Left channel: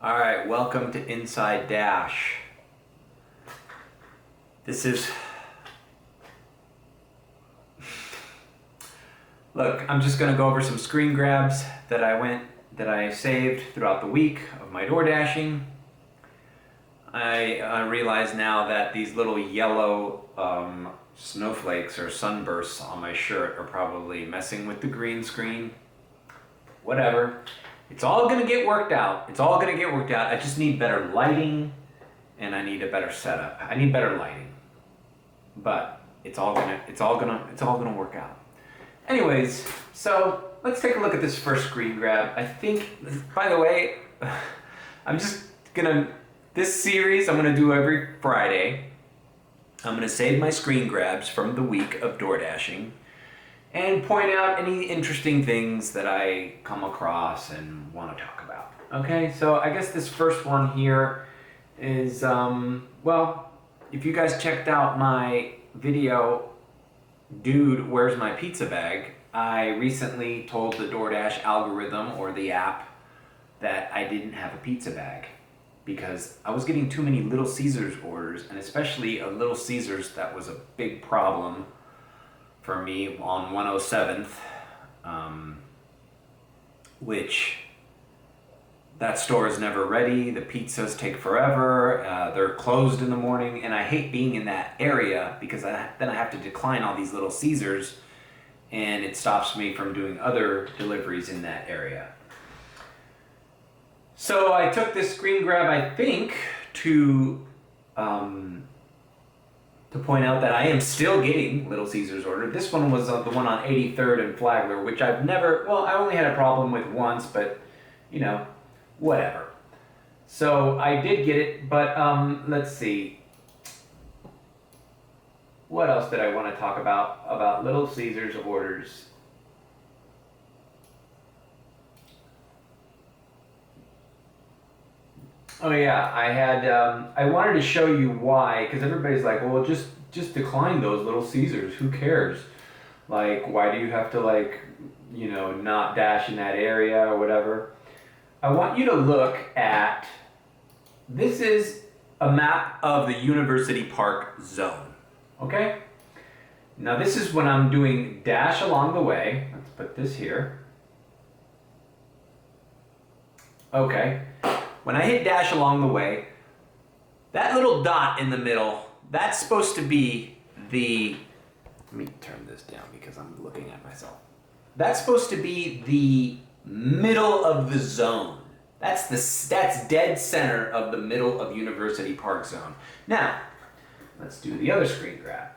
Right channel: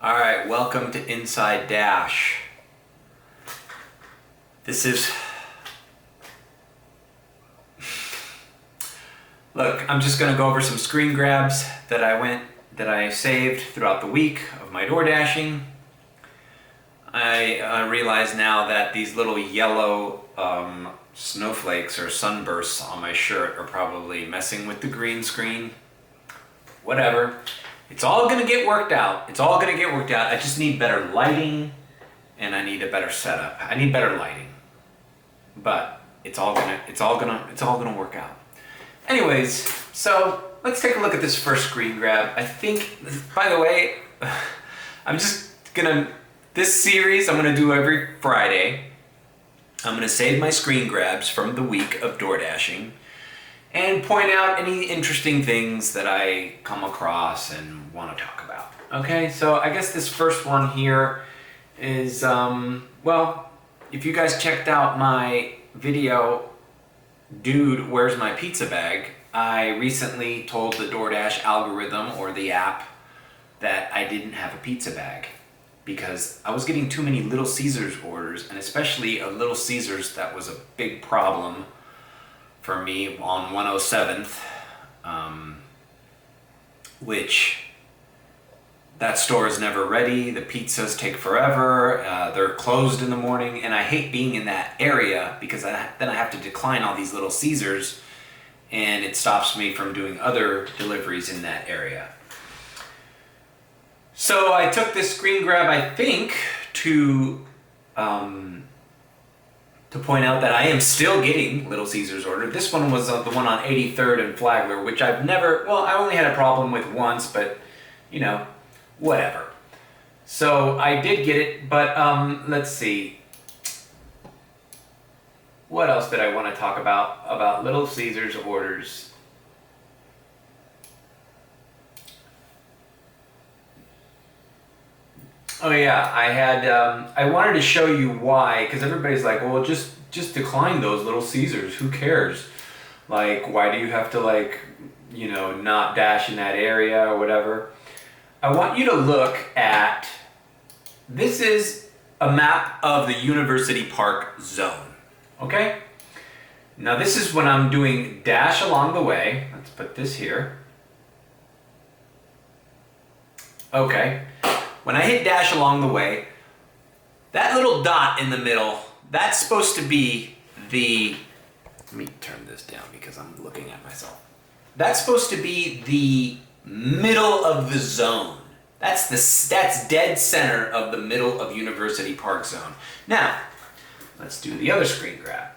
All right, welcome to Inside Dash. Look, I'm just gonna go over some screen grabs that I saved throughout the week of my door dashing. I realize now that these little yellow snowflakes or sunbursts on my shirt are probably messing with the green screen. Whatever. It's all gonna get worked out. I just need better lighting and I need a better setup. I need better lighting. But it's all gonna work out. Anyways, so let's take a look at this first screen grab. I think, by the way, this series I'm gonna do every Friday. I'm gonna save my screen grabs from the week of door dashing and point out any interesting things that I come across and want to talk about. Okay, so I guess this first one here is, if you guys checked out my video, Dude, Where's My Pizza Bag? I recently told the DoorDash algorithm or the app that I didn't have a pizza bag because I was getting too many Little Caesars orders, and especially a Little Caesars that was a big problem for me on 107th, which that store is never ready. The pizzas take forever. They're closed in the morning, and I hate being in that area because then I have to decline all these Little Caesars, and it stops me from doing other deliveries in that area. So I took this screen grab, I think, to point out that I am still getting Little Caesars order. This one was the one on 83rd and Flagler, which I only had a problem with once, but whatever. So I did get it, but let's see. What else did I want to talk about Little Caesars orders? Oh yeah, I wanted to show you why, because everybody's like, well, just decline those Little Caesars. Who cares? Like, why do you have to not dash in that area or whatever? I want you to look at, this is a map of the University Park zone, okay? Now this is when I'm doing dash along the way. Let's put this here. Okay. When I hit dash along the way, that little dot in the middle, that's supposed to be let me turn this down because I'm looking at myself. That's supposed to be the middle of the zone. That's dead center of the middle of University Park zone. Now, let's do the other screen grab.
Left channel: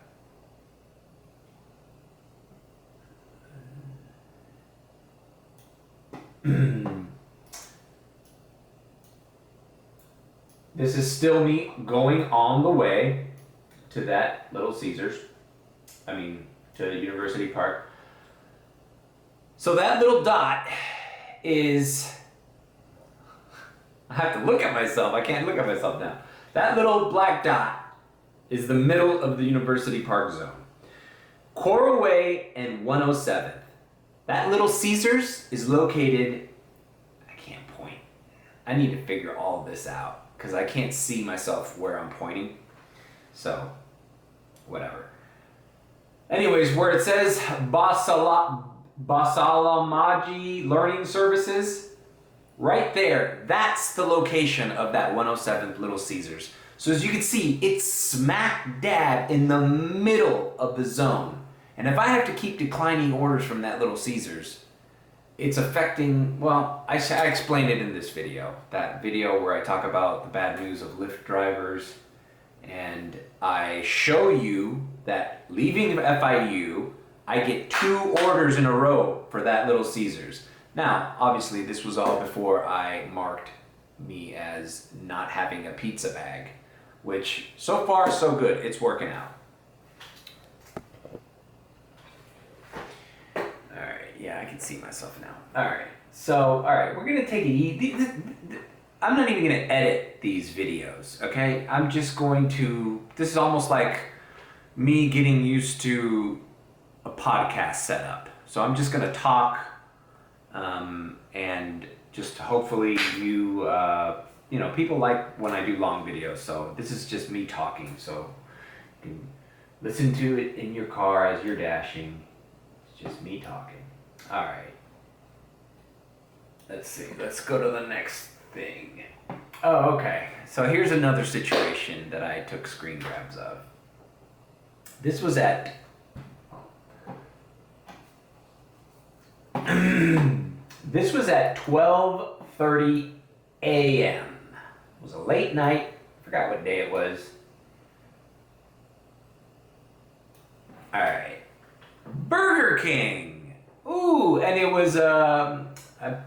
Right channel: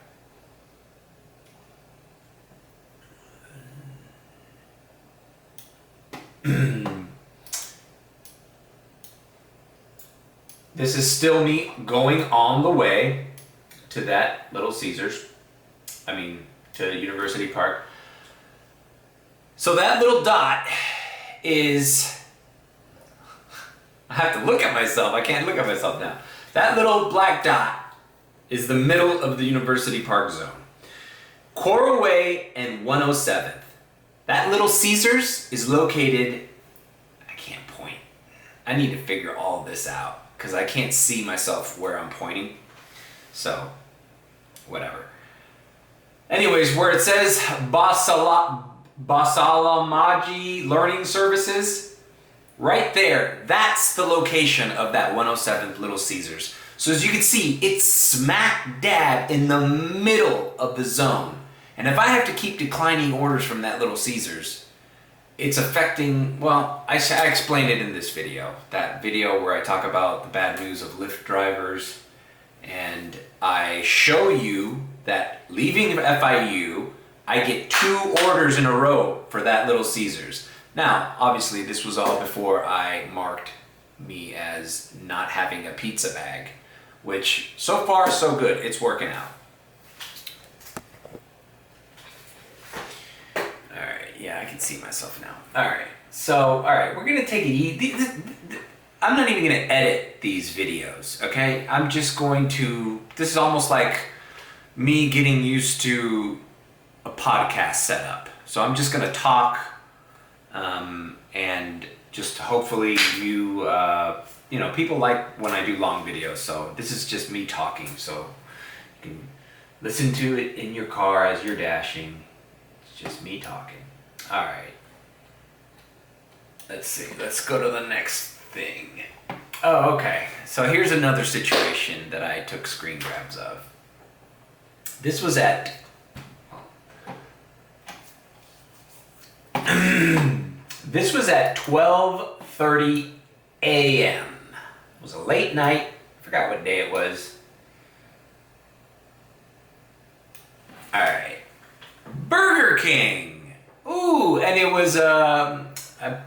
This is still me going on the way to that Little Caesars. To University Park. So that little dot is, I have to look at myself. I can't look at myself now. That little black dot is the middle of the University Park zone. Coral Way and 107th. That Little Caesars is located, I can't point. I need to figure all this out because I can't see myself where I'm pointing. So, whatever. Anyways, where it says Basalamaji Learning Services, right there, that's the location of that 107th Little Caesars. So as you can see, it's smack dab in the middle of the zone. And if I have to keep declining orders from that Little Caesars, it's affecting, I explained it in this video. That video where I talk about the bad news of Lyft drivers. And I show you that leaving FIU, I get 2 orders in a row for that Little Caesars. Now, obviously, this was all before I marked me as not having a pizza bag, which so far so good. It's working out. All right, yeah, I can see myself now. All right, we're gonna take it easy. I'm not even gonna edit these videos, okay? I'm just going to, this is almost like me getting used to a podcast setup. So I'm just gonna talk and just hopefully you, you know, people like when I do long videos, so this is just me talking, so you can listen to it in your car as you're dashing. It's just me talking. All right. Let's see, let's go to the next thing. Oh, okay. So here's another situation that I took screen grabs of. This was at this was at 12:30 a.m. It was a late night. I forgot what day it was. All right. Burger King. Ooh, and it was I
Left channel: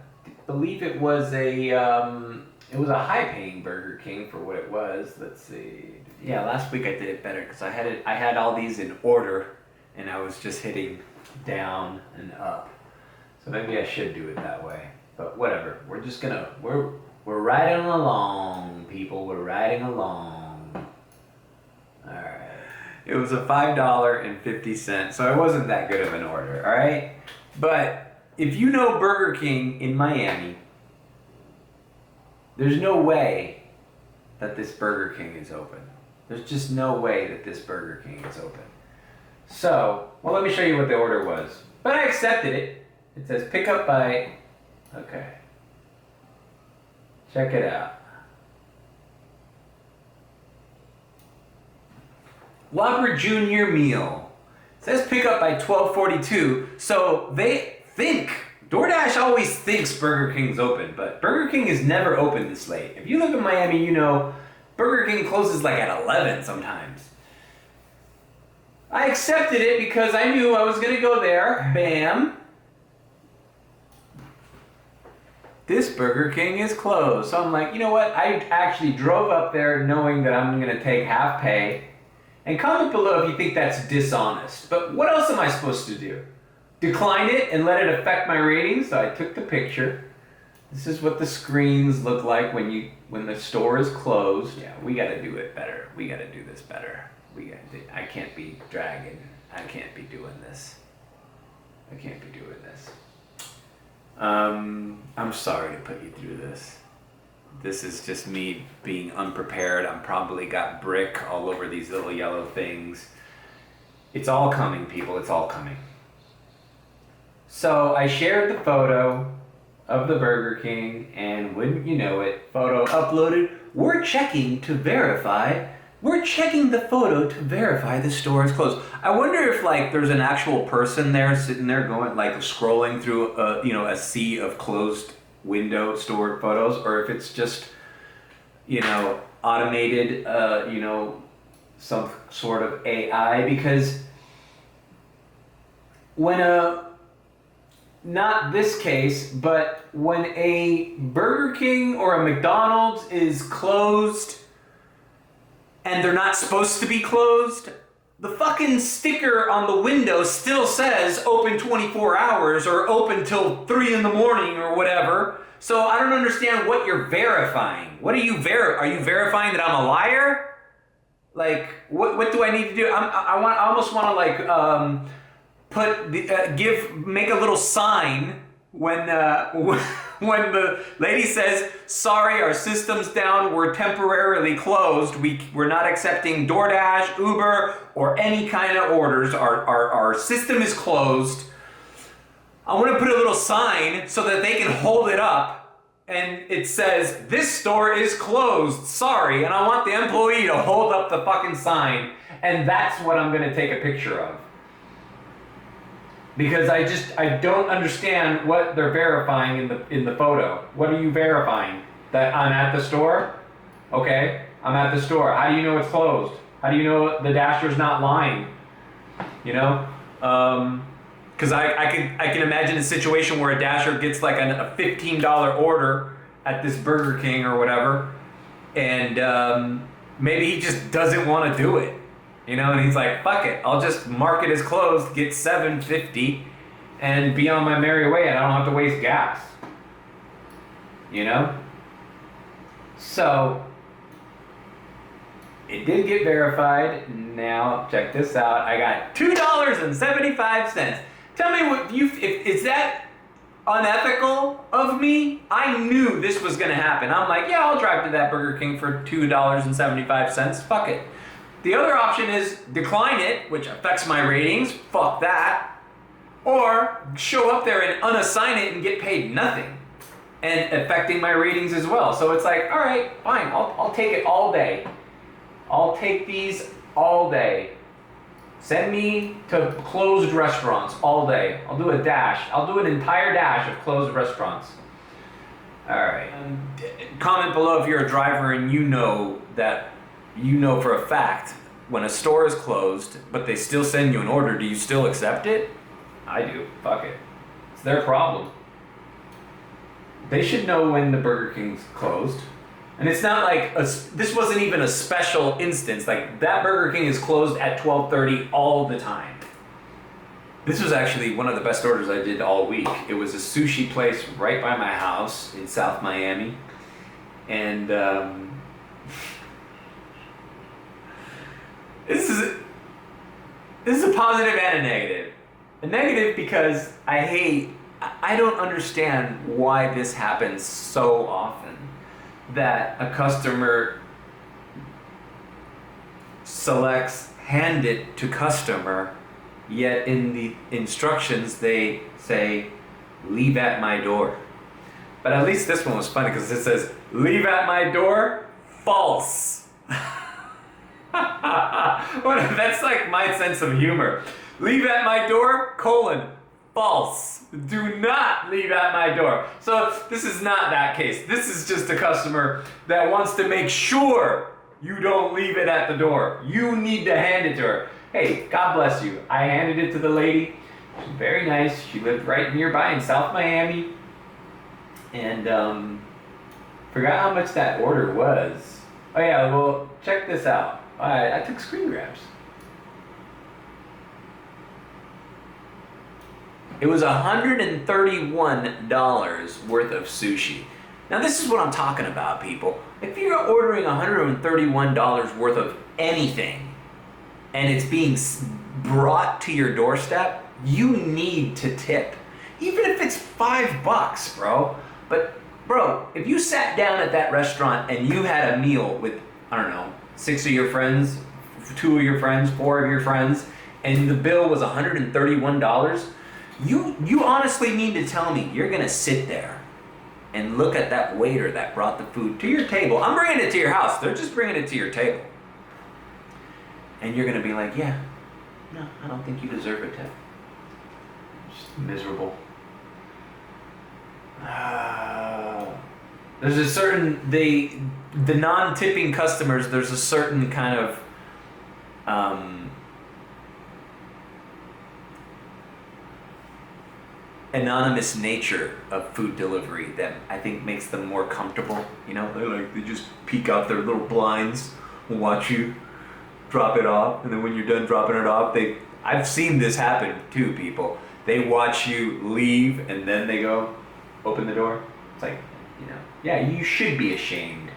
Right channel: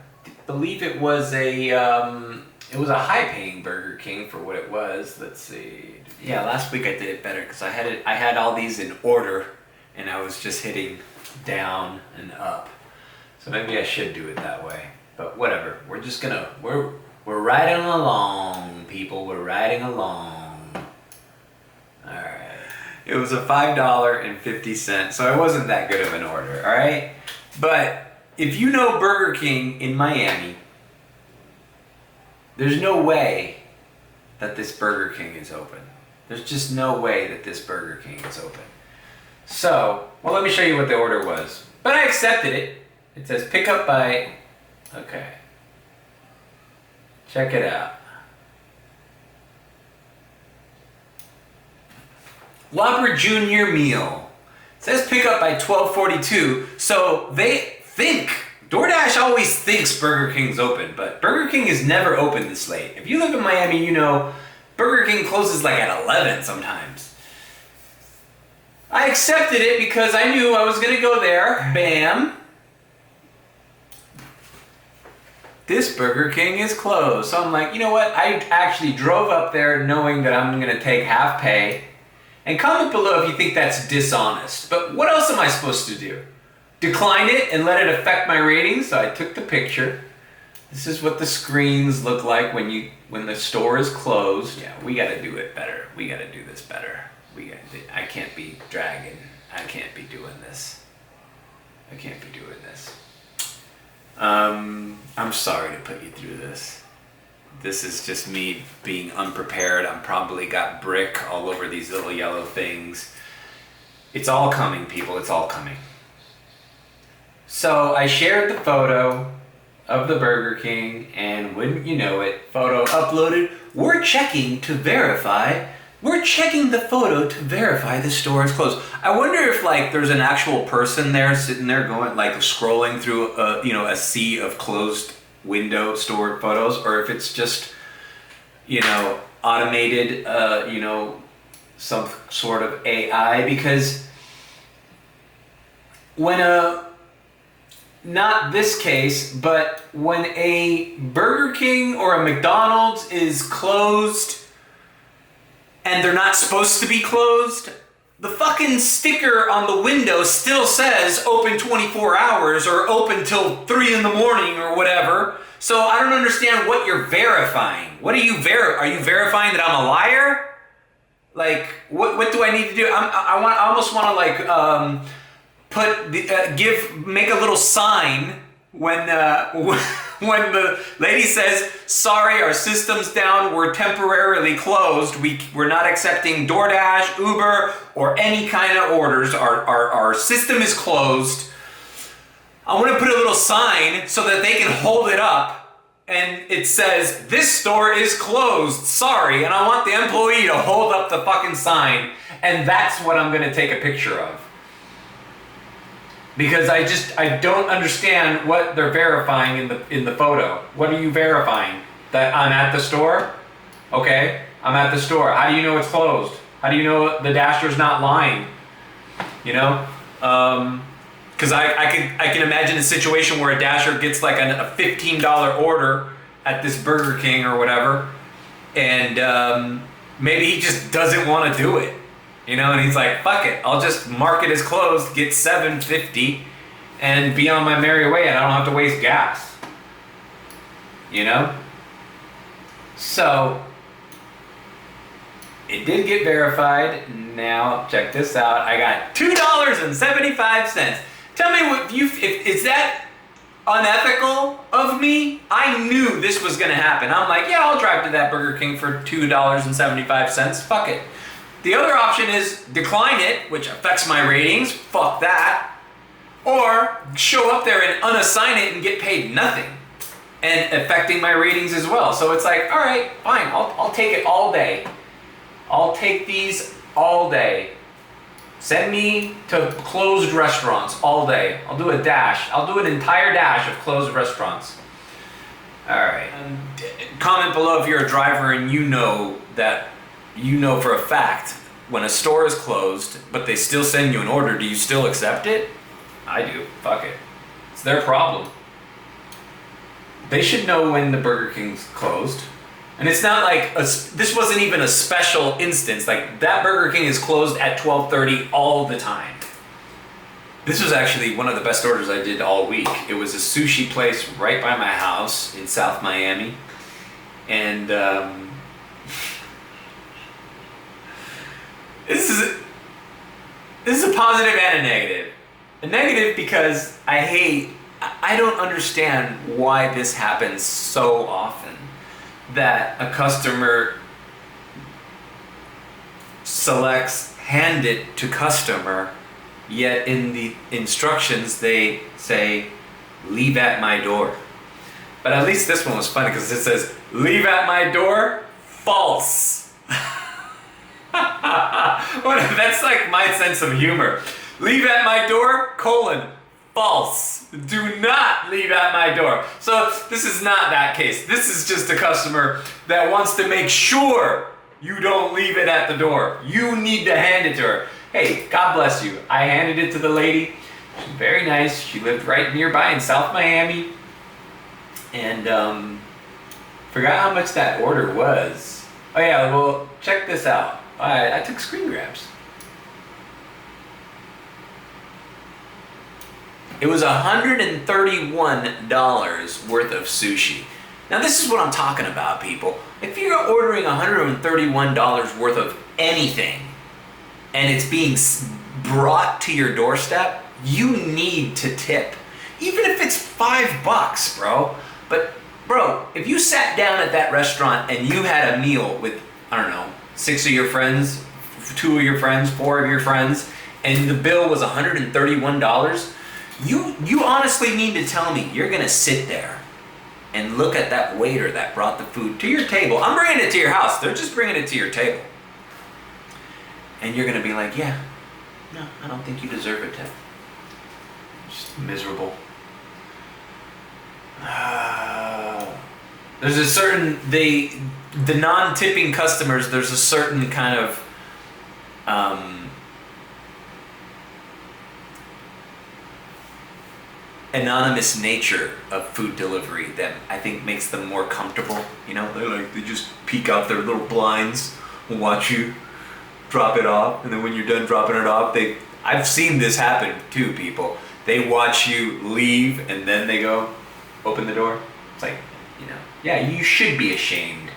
believe it was a high-paying Burger King for what it was. Let's see. Yeah, last week I did it better because I had all these in order, and I was just hitting down and up. So maybe I should do it that way. But whatever. We're just gonna we're riding along, people. We're riding along. All right. It was a $5.50, so it wasn't that good of an order. All right. But if you know Burger King in Miami, there's no way that this Burger King is open. There's just no way that this Burger King is open. So, well, let me show you what the order was. But I accepted it. It says pick up by, okay. Check it out. Whopper Junior meal. It says pick up by 12:42. So they think, DoorDash always thinks Burger King's open, but Burger King is never open this late. If you live in Miami, you know Burger King closes like at 11 sometimes. I accepted it because I knew I was gonna go there. Bam. This Burger King is closed. So I'm like, you know what? I actually drove up there knowing that I'm gonna take half pay. And comment below if you think that's dishonest. But what else am I supposed to do? Decline it and let it affect my ratings? So I took the picture. This is what the screens look like when the store is closed. Yeah, we gotta do it better. We gotta do this better. I can't be dragging. I can't be doing this. I can't be doing this. I'm sorry to put you through this. This is just me being unprepared. I'm probably got brick all over these little yellow things. It's all coming, people. It's all coming. So I shared the photo of the Burger King, and wouldn't you know it, photo uploaded. We're checking to verify. We're checking the photo to verify the store is closed. I wonder if like there's an actual person there sitting there going like scrolling through a sea of closed window stored photos, or if it's just automated some sort of AI, because when not this case, but when a Burger King or a McDonald's is closed and they're not supposed to be closed, the fucking sticker on the window still says open 24 hours or open till 3 in the morning or whatever. So I don't understand what you're verifying. What are you Are you verifying that I'm a liar? Like, what do I need to do? I almost want to like make a little sign when when the lady says, sorry, our system's down, we're temporarily closed, we're not accepting DoorDash, Uber, or any kind of orders, our system is closed. I want to put a little sign so that they can hold it up and it says, this store is closed, sorry, and I want the employee to hold up the fucking sign, and that's what I'm going to take a picture of. Because I don't understand what they're verifying in the photo. What are you verifying? That I'm at the store? Okay, I'm at the store. How do you know it's closed? How do you know the Dasher's not lying? Because I can imagine a situation where a Dasher gets like a $15 order at this Burger King or whatever, and maybe he just doesn't want to do it. And he's like, fuck it, I'll just mark it as closed, get $7.50, and be on my merry way, and I don't have to waste gas. So, it did get verified. Now, check this out. I got $2.75. Tell me if unethical of me. I knew this was gonna happen. I'm like, yeah, I'll drive to that Burger King for $2.75. Fuck it. The other option is decline it, which affects my ratings. Fuck that. Or show up there and unassign it and get paid nothing, and affecting my ratings as well. So it's like, all right, fine. I'll take it all day. I'll take these all day. Send me to closed restaurants all day. I'll do a dash. I'll do an entire dash of closed restaurants. All right. Comment below if you're a driver and you know for a fact when a store is closed, but they still send you an order, do you still accept it? I do. Fuck it. It's their problem. They should know when the Burger King's closed. And it's not like, this wasn't even a special instance. Like, that Burger King is closed at 12:30 all the time. This was actually one of the best orders I did all week. It was a sushi place right by my house in South Miami. And this is a positive and a negative. A negative because I don't understand why this happens so often, that a customer selects hand it to customer, yet in the instructions they say leave at my door. But at least this one was funny because it says leave at my door, false. That's like my sense of humor. Leave at my door, false. Do not leave at my door. So this is not that case. This is just a customer that wants to make sure you don't leave it at the door. You need to hand it to her. Hey, God bless you. I handed it to the lady. She's very nice. She lived right nearby in South Miami. And forgot how much that order was. Oh yeah, well, check this out. I took screen grabs. It was $131 worth of sushi. Now this is what I'm talking about, people. If you're ordering $131 worth of anything and it's being brought to your doorstep, you need to tip. Even if it's $5, bro. But bro, if you sat down at that restaurant and you had a meal with, I don't know, 6 of your friends, 2 of your friends, 4 of your friends, and the bill was $131, you honestly need to tell me you're gonna sit there and look at that waiter that brought the food to your table. I'm bringing it to your house. They're just bringing it to your table. And you're gonna be like, yeah, no, I don't think you deserve a tip. Just miserable. There's a certain, the non-tipping customers, there's a certain kind of anonymous nature of food delivery that I think makes them more comfortable. You know, they just peek out their little blinds and watch you drop it off, and then when you're done dropping it off, I've seen this happen too, people. They watch you leave and then they go open the door. It's like, you know, yeah, you should be ashamed.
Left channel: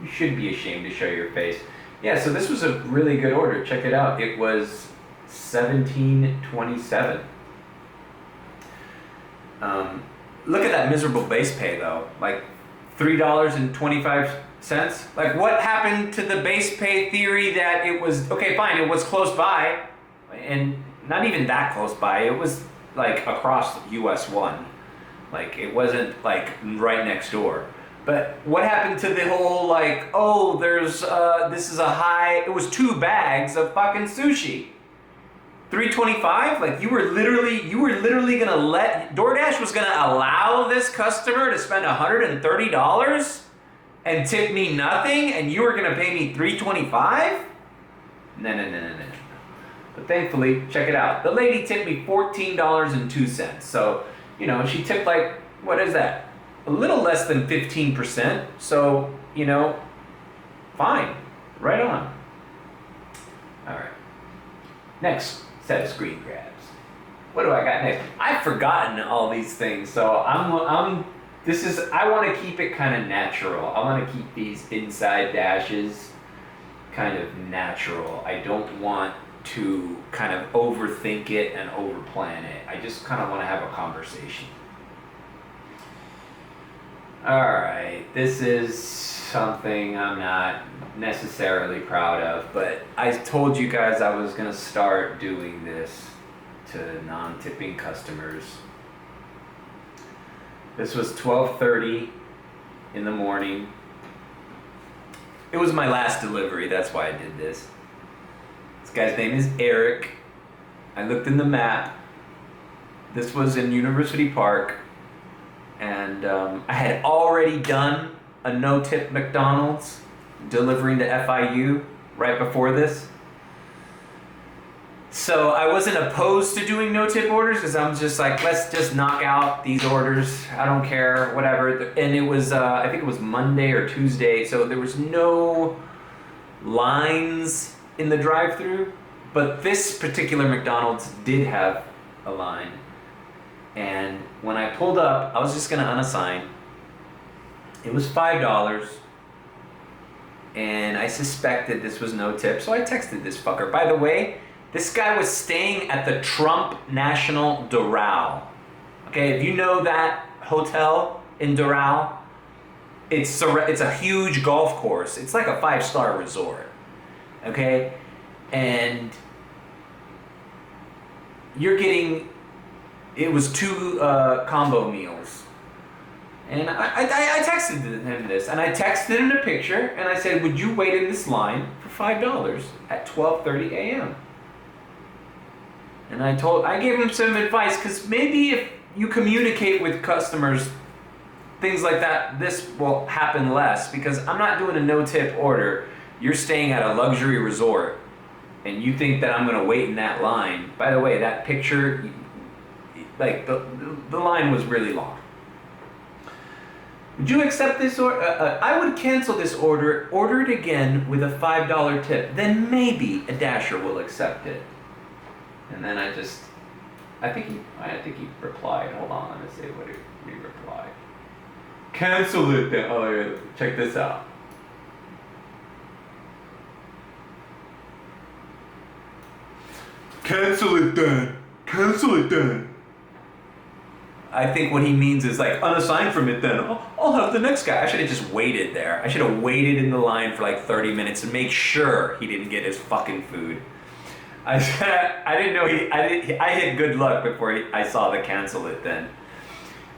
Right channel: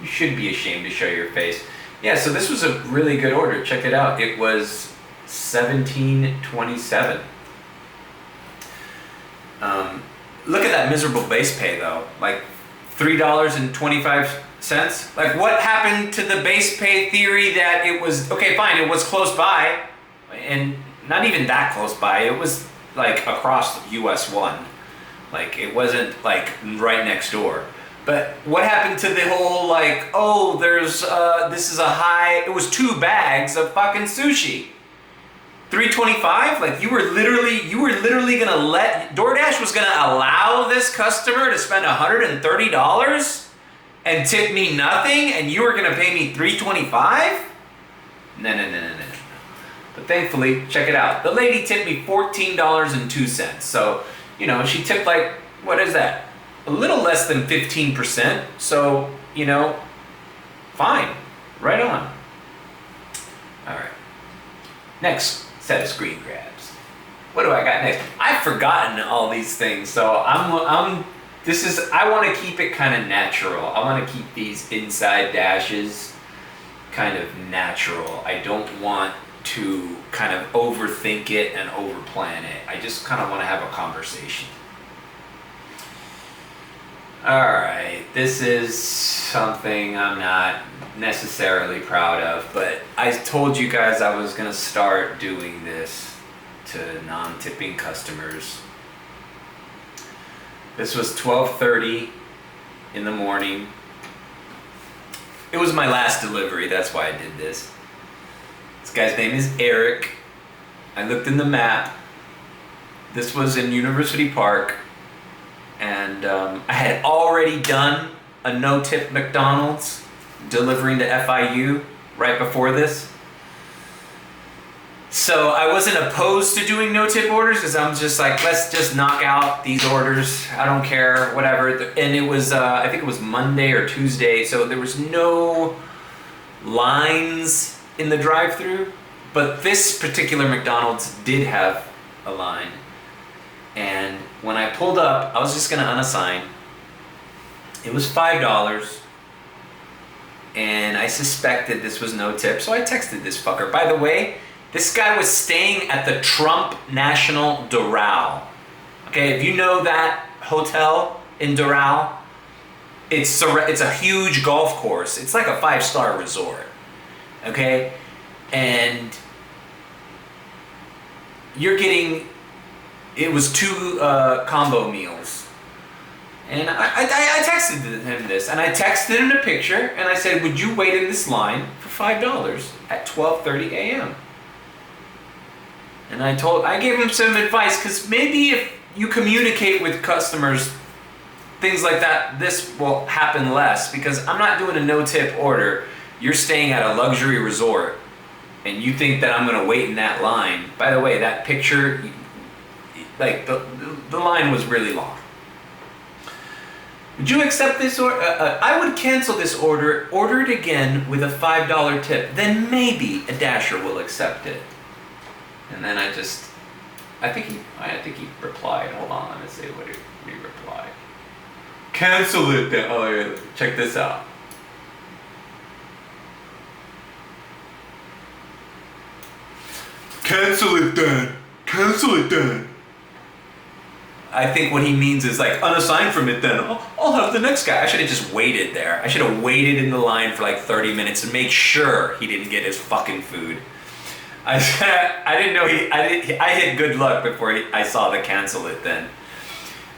You should be ashamed to show your face. Yeah, so this was a really good order. Check it out. It was $17.27. Look at that miserable base pay though, like $3.25. Like, what happened to the base pay theory that it was, okay, fine, it was close by, and not even that close by, it was like across US 1. Like, it wasn't like right next door. But what happened to the whole like, oh, there's, this is a high, it was 2 bags of fucking sushi. $3.25? Like, you were literally gonna let, DoorDash was gonna allow this customer to spend $130 and tip me nothing, and you were gonna pay me $3.25? No. But thankfully, check it out. The lady tipped me $14.02. So, you know, she tipped like, what is that? A little less than 15%. So, you know, fine. Right on. All right. Next set of screen grabs. What do I got next? I've forgotten all these things, so I want to keep it kind of natural. I want to keep these inside dashes kind of natural. I don't want to kind of overthink it and overplan it. I just kind of want to have a conversation. Alright, this is something I'm not necessarily proud of, but I told you guys I was gonna start doing this to non-tipping customers. This was 12:30 in the morning. It was my last delivery, that's why I did this. This guy's name is Eric. I looked in the map. This was in University Park, and I had already done a no-tip McDonald's delivering to FIU right before this. So I wasn't opposed to doing no-tip orders because I'm just like, let's just knock out these orders. I don't care, whatever. And it was, I think it was Monday or Tuesday, so there was no lines in the drive-thru. But this particular McDonald's did have a line. And when I pulled up, I was just gonna unassign. It was $5. And I suspected this was no tip, so I texted this fucker. By the way, this guy was staying at the Trump National Doral. Okay, if you know that hotel in Doral, it's a huge golf course. It's like a 5-star resort. Okay, and you're getting, it was 2 combo meals. And I texted him this, and I texted him a picture, and I said, would you wait in this line for $5 at 12:30 a.m.? And I gave him some advice, because maybe if you communicate with customers, things like that, this will happen less, because I'm not doing a no-tip order. You're staying at a luxury resort, and you think that I'm gonna wait in that line. By the way, that picture, like, the line was really long. Would you accept this order? I would cancel this order, order it again with a $5 tip. Then maybe a Dasher will accept it. And then I think he replied. Hold on, let's see what he replied. Cancel it then. Oh yeah, check this out. Cancel it then. Cancel it then. I think what he means is like, unassign from it then. I'll have the next guy. I should have just waited there. I should have waited in the line for like 30 minutes and make sure he didn't get his fucking food. I didn't know I had good luck before I saw the cancel it then.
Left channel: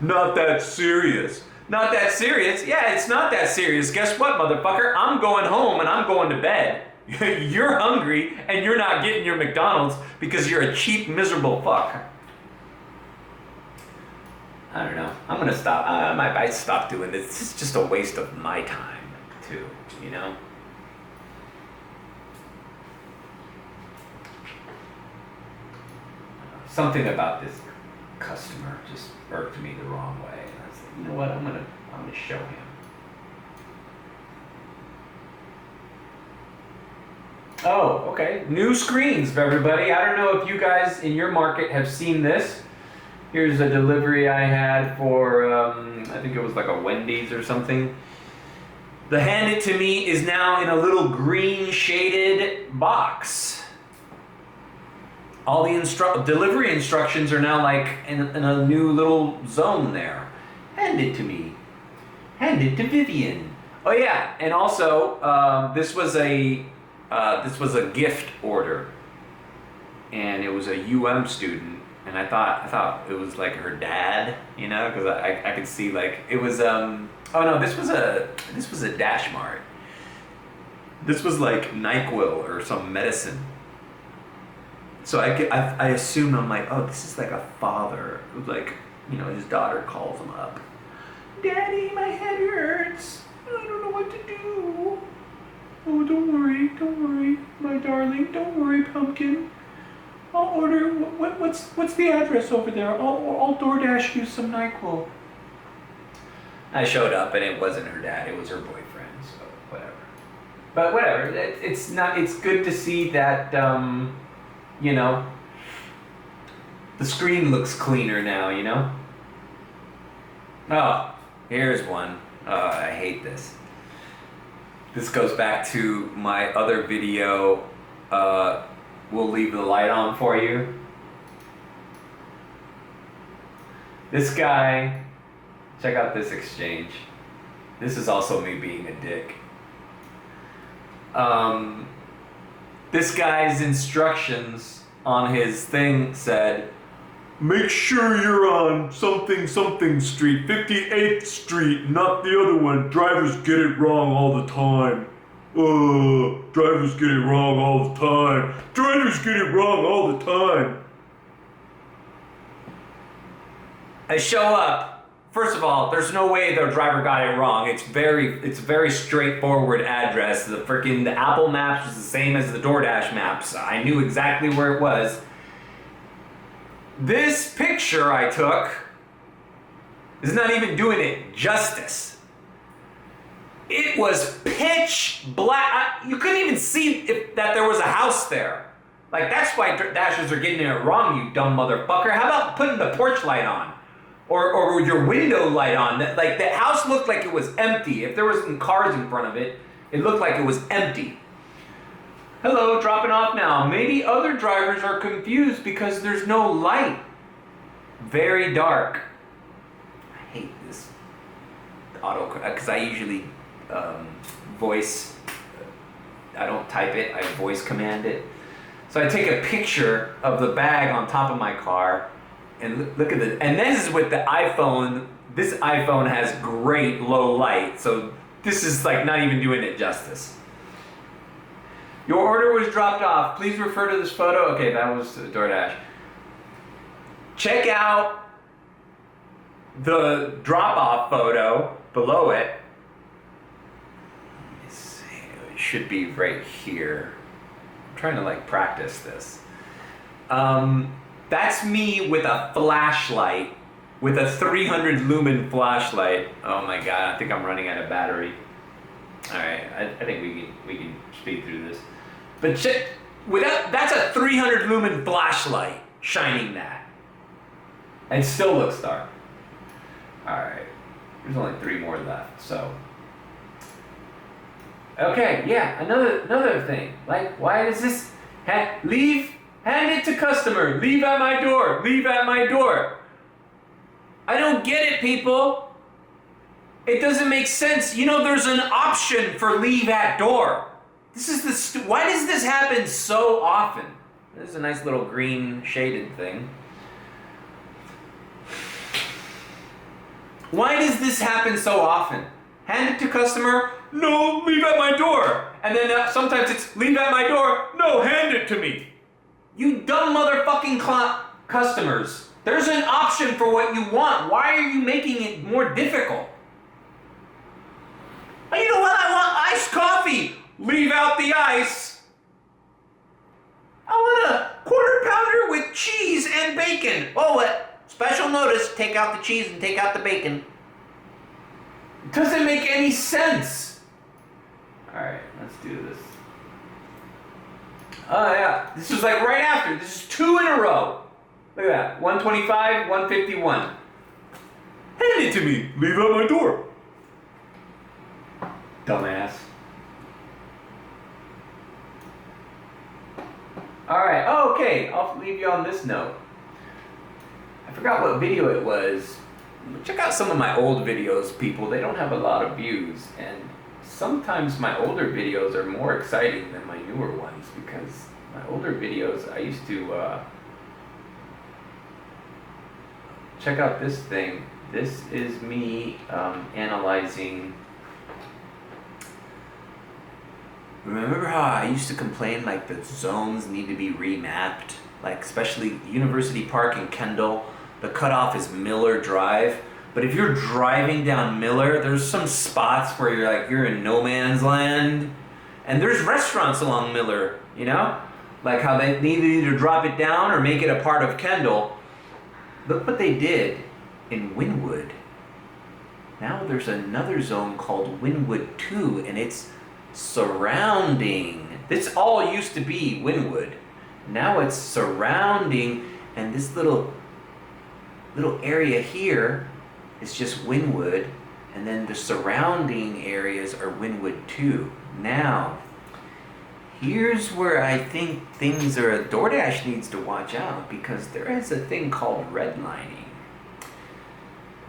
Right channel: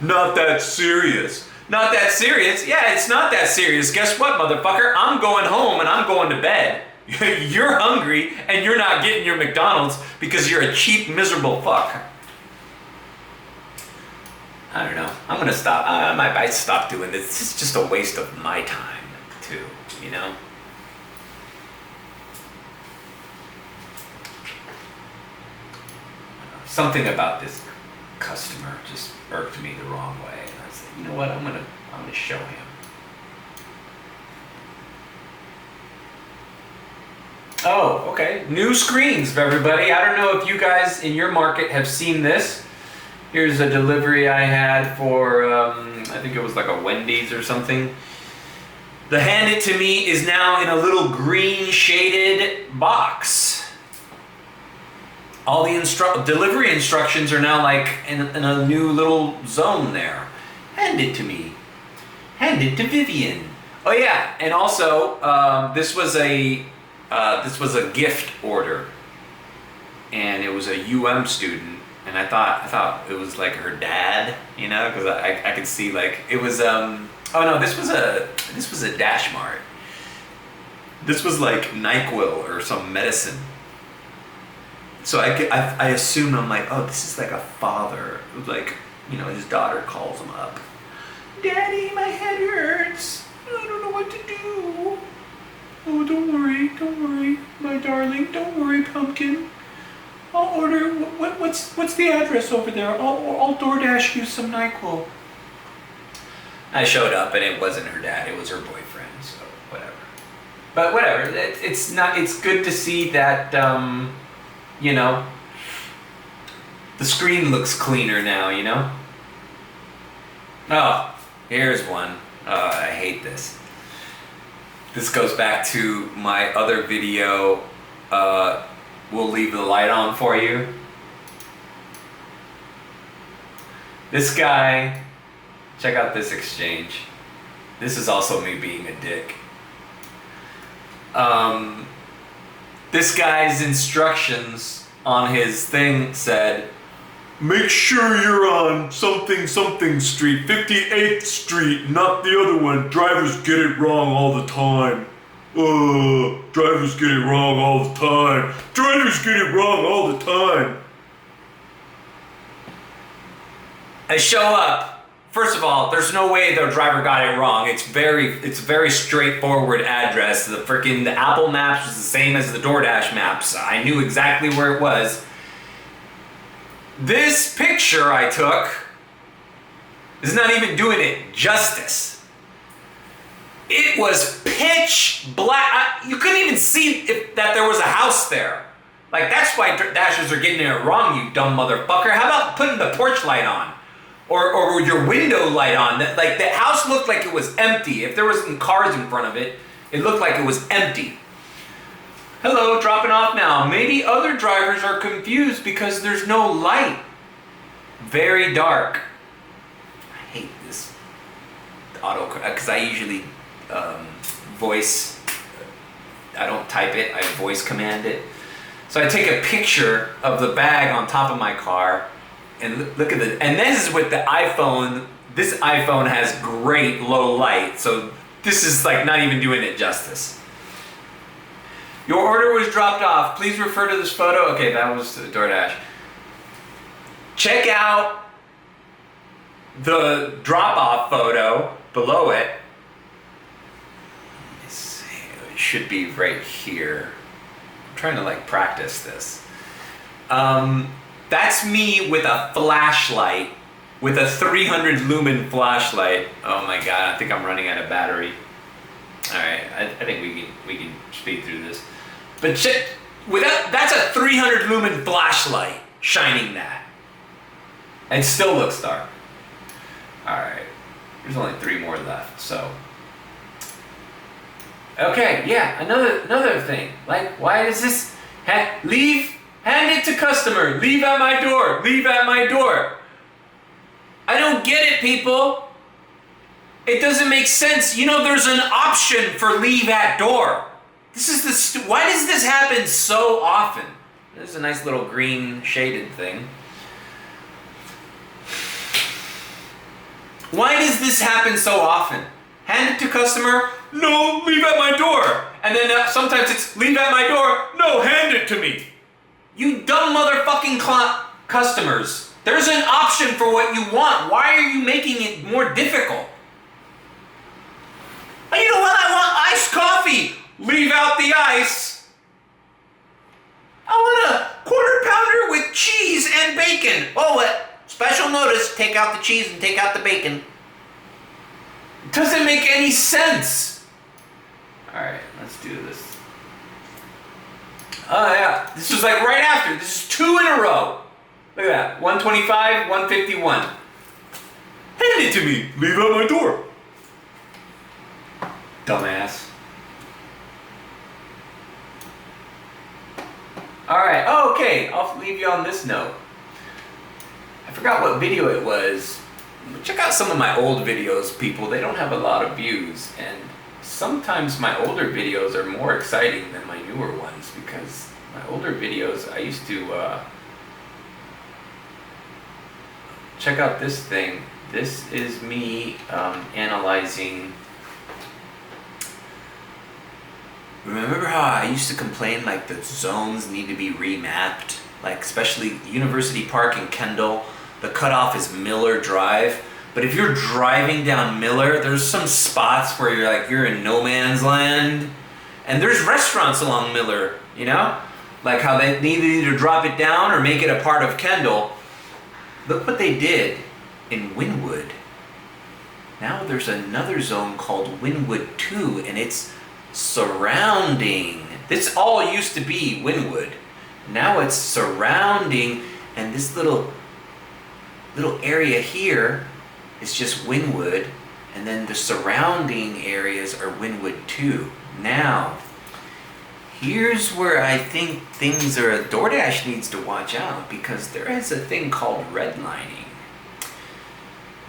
Not that serious. Not that serious? Yeah, it's not that serious. Guess what, motherfucker? I'm going home and I'm going to bed. You're hungry and you're not getting your McDonald's because you're a cheap, miserable fuck. I don't know. I'm gonna stop. I might stop doing this. This is just a waste of my time, too, you know? Something about this customer just irked me the wrong way. And I said, you know what? I'm gonna show him. Oh, okay. New screens, everybody. I don't know if you guys in your market have seen this. Here's a delivery I had for, I think it was like a Wendy's or something. The hand it to me is now in a little green shaded box. All the delivery instructions are now like in a new little zone there. Hand it to me. Hand it to Vivian. Oh yeah, and also this was a gift order, and it was a UM student, and I thought it was like her dad, you know, because I could see like it was oh no, this was a Dash Mart. This was like NyQuil or some medicine. So I assumed, I'm like, oh, this is like a father, like, you know, his daughter calls him up. Daddy, my head hurts. I don't know what to do. Oh, don't worry, my darling. Don't worry, pumpkin. I'll order. What's the address over there? I'll DoorDash you some NyQuil. I showed up and it wasn't her dad. It was her boyfriend. So whatever. But whatever. It's not. It's good to see that. You know, the screen looks cleaner now, you know? Oh, here's one. Oh, I hate this. This goes back to my other video, we'll leave the light on for you. This guy, check out this exchange. This is also me being a dick. This guy's instructions on his thing said, make sure you're on something street, 58th Street, not the other one. Drivers get it wrong all the time. Drivers get it wrong all the time. Drivers get it wrong all the time. I show up. First of all, there's no way the driver got it wrong. It's a very straightforward address. The Apple Maps was the same as the DoorDash maps. I knew exactly where it was. This picture I took is not even doing it justice. It was pitch black. You couldn't even see that there was a house there. Like, that's why Dashers are getting it wrong, you dumb motherfucker. How about putting the porch light on? Or your window light on. Like, the house looked like it was empty. If there wasn't cars in front of it, it looked like it was empty. Hello, dropping off now. Maybe other drivers are confused because there's no light. Very dark. I hate this auto, because I usually voice, I don't type it, I voice command it. So I take a picture of the bag on top of my car, and look at the, and this is with the iPhone. This iPhone has great low light, so this is like not even doing it justice. Your order was dropped off. Please refer to this photo. Okay, that was DoorDash. Check out the drop-off photo below it. Let me see. It should be right here. I'm trying to like practice this. That's me with a flashlight, with a 300 lumen flashlight. Oh my god, I think I'm running out of battery. All right, I think we can speed through this. But check, that's a 300 lumen flashlight shining that. And it still looks dark. All right, there's only 3 more left, so. Okay, yeah, another thing. Like, why does this, hand it to customer, leave at my door, leave at my door. I don't get it, people. It doesn't make sense. You know, there's an option for leave at door. This is why does this happen so often? This is a nice little green shaded thing. Why does this happen so often? Hand it to customer, no, leave at my door. And then sometimes it's leave at my door, no, hand it to me. You dumb motherfucking customers. There's an option for what you want. Why are you making it more difficult? Oh, you know what? I want iced coffee. Leave out the ice. I want a quarter pounder with cheese and bacon. Oh, what? Special notice, take out the cheese and take out the bacon. It doesn't make any sense. All right, let's do this. Oh yeah, this was like right after. This is 2 in a row. Look at that, 125, 151. Hand it to me, leave out my door. Dumbass. All right, okay, I'll leave you on this note. I forgot what video it was. Check out some of my old videos, people. They don't have a lot of views, and sometimes my older videos are more exciting than my newer ones, because my older videos, I used to check out this thing. This is me analyzing. Remember how I used to complain like the zones need to be remapped? Like especially University Park in Kendall, the cutoff is Miller Drive. But if you're driving down Miller, there's some spots where you're in no man's land. And there's restaurants along Miller, you know? Like how they need to either drop it down or make it a part of Kendall. Look what they did in Wynwood. Now there's another zone called Wynwood 2, and it's surrounding. This all used to be Wynwood. Now it's surrounding, and this little area here is just Wynwood, and then the surrounding areas are Wynwood 2. Now, here's where I think things are, DoorDash needs to watch out, because there is a thing called redlining.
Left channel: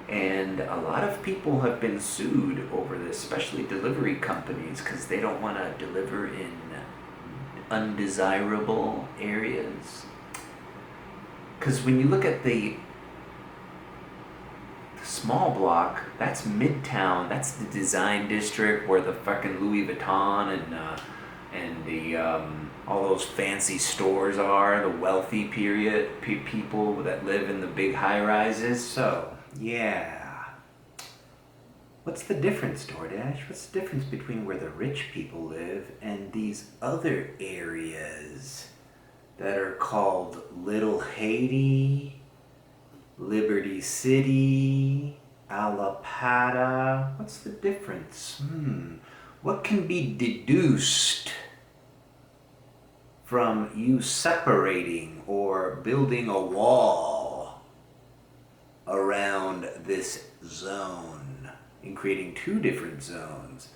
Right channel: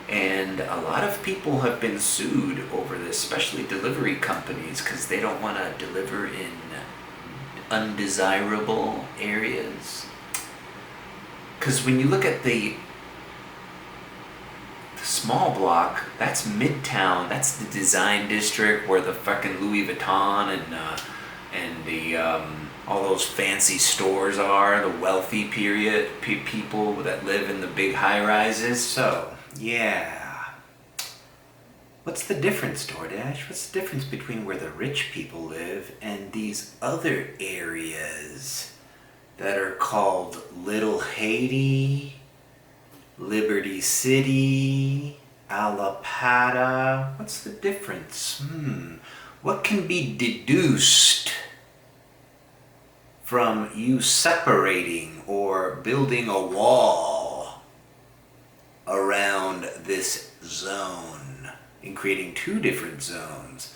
And a lot of people have been sued over this, especially delivery companies, because they don't want to deliver in undesirable areas. Because when you look at the small block, that's Midtown. That's the design district where the fucking Louis Vuitton and the all those fancy stores are. The wealthy people that live in the big high rises. So yeah, what's the difference, DoorDash? What's the difference between where the rich people live and these other areas that are called Little Haiti, Liberty City, Alapata? What's the difference? What can be deduced from you separating or building a wall around this zone and creating two different zones?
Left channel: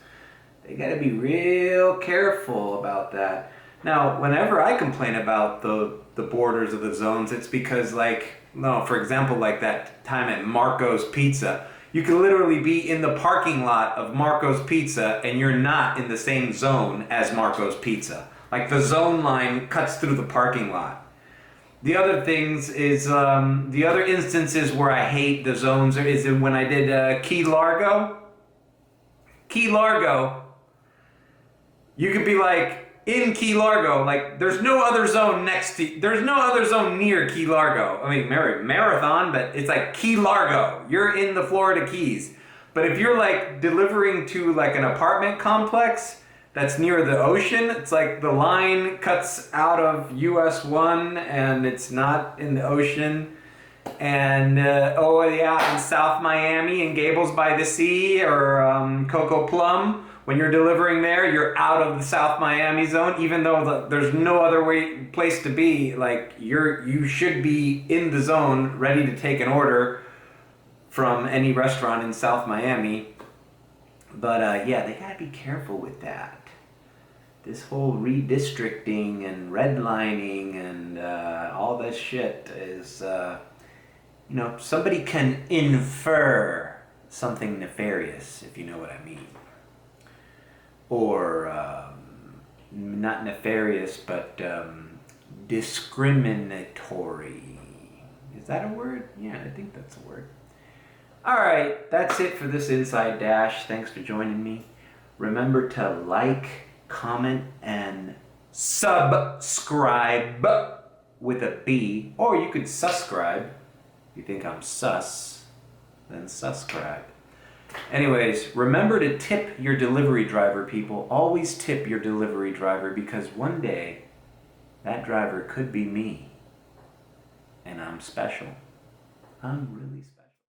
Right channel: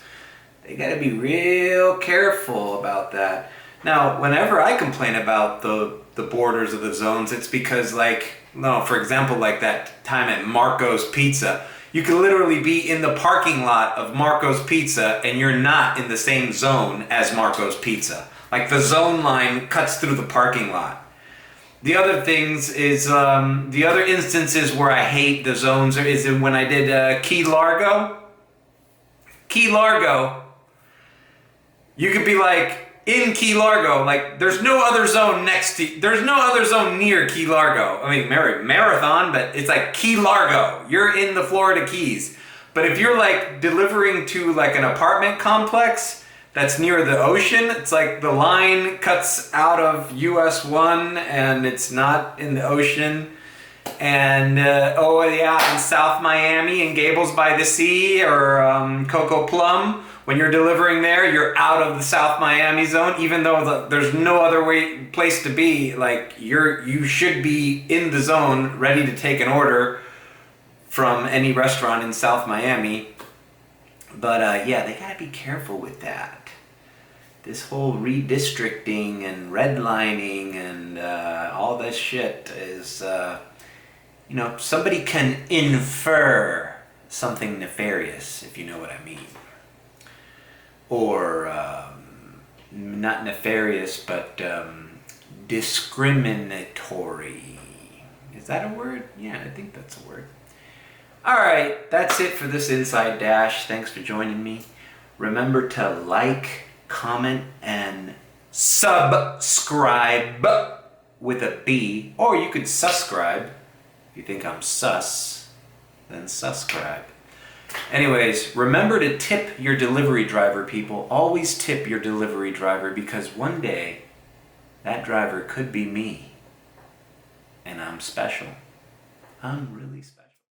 They gotta be real careful about that. Now, whenever I complain about the borders of the zones, it's because, for example, like that time at Marco's Pizza, you could literally be in the parking lot of Marco's Pizza and you're not in the same zone as Marco's Pizza. Like the zone line cuts through the parking lot. The other things is, the other instances where I hate the zones is when I did Key Largo. Key Largo, you could be like, in Key Largo, like there's no other zone near Key Largo. I mean, Marathon, but it's like Key Largo. You're in the Florida Keys. But if you're like delivering to like an apartment complex that's near the ocean, it's like the line cuts out of US 1 and it's not in the ocean. And in South Miami and Gables by the Sea or Coco Plum, when you're delivering there, you're out of the South Miami zone, even though there's no other place to be. Like you should be in the zone, ready to take an order from any restaurant in South Miami. But they gotta be careful with that. This whole redistricting and redlining and all this shit is, somebody can infer something nefarious, if you know what I mean. Or not nefarious, but discriminatory. Is that a word? Yeah, I think that's a word. All right, that's it for this Inside Dash. Thanks for joining me. Remember to like, comment, and subscribe with a B. Or you could subscribe. If you think I'm sus, then subscribe. Anyways, remember to tip your delivery driver, people. Always tip your delivery driver, because one day that driver could be me. And I'm special. I'm really special.